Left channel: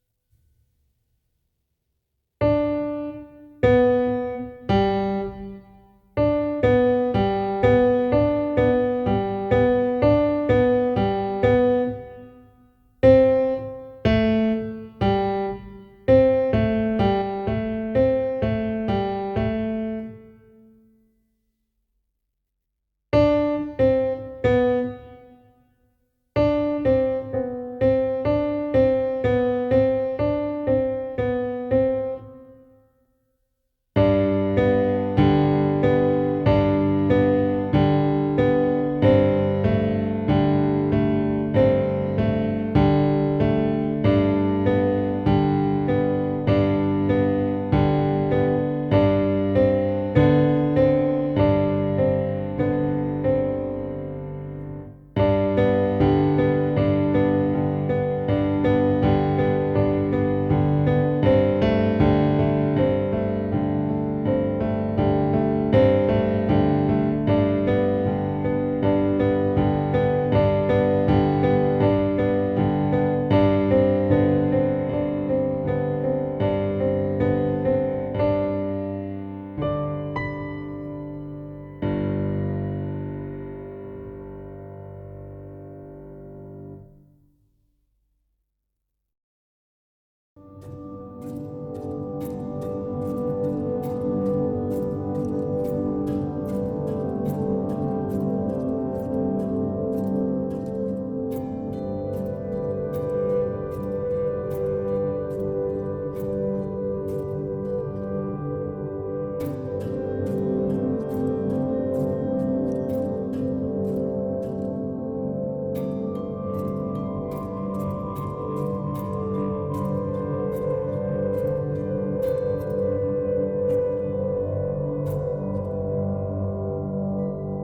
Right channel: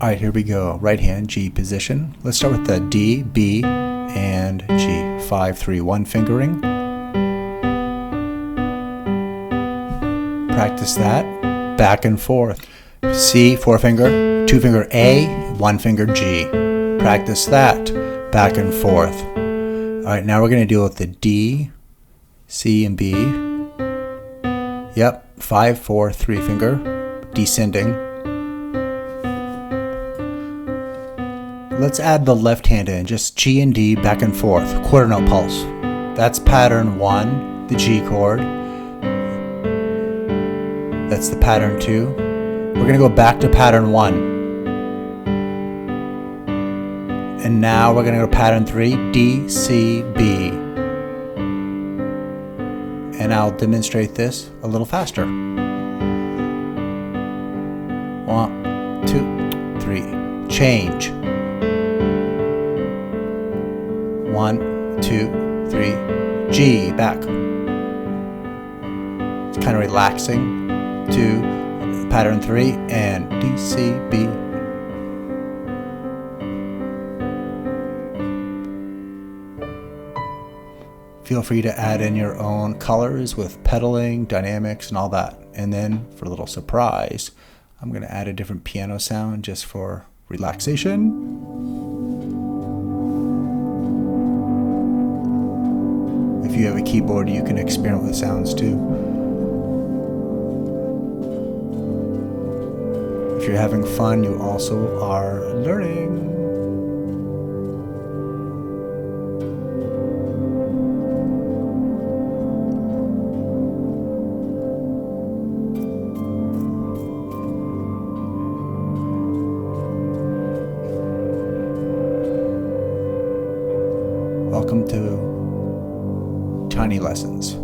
All right, here we go. Right hand G position. Let's start with the D, B, and G. 5, 3, 1 fingering. Practice that. Back and forth. C, 4 finger, 2 finger A, 1 finger G. Practice that. Back and forth. All right, now we're going to deal with the D, C, and B. Yep, 5, 4, 3 finger, descending. Let's add the left hand in, just G and D back and forth, quarter note pulse. That's pattern 1, the G chord. That's the pattern 2. We're going to go back to pattern 1. And now we're going to go pattern 3, D, C, B. And I'll demonstrate this a little faster. 1, 2, 3. Change. 1, 2, 3. G, back. It's kind of relaxing. 2, pattern 3, and D, C, B. Feel free to add in your own colors with pedaling, dynamics, and all that. And then for a little surprise, I'm going to add a different piano sound just for relaxation. If you have a keyboard, you can experiment with sounds too. If you're having fun, you also are learning. Welcome to Tiny Lessons.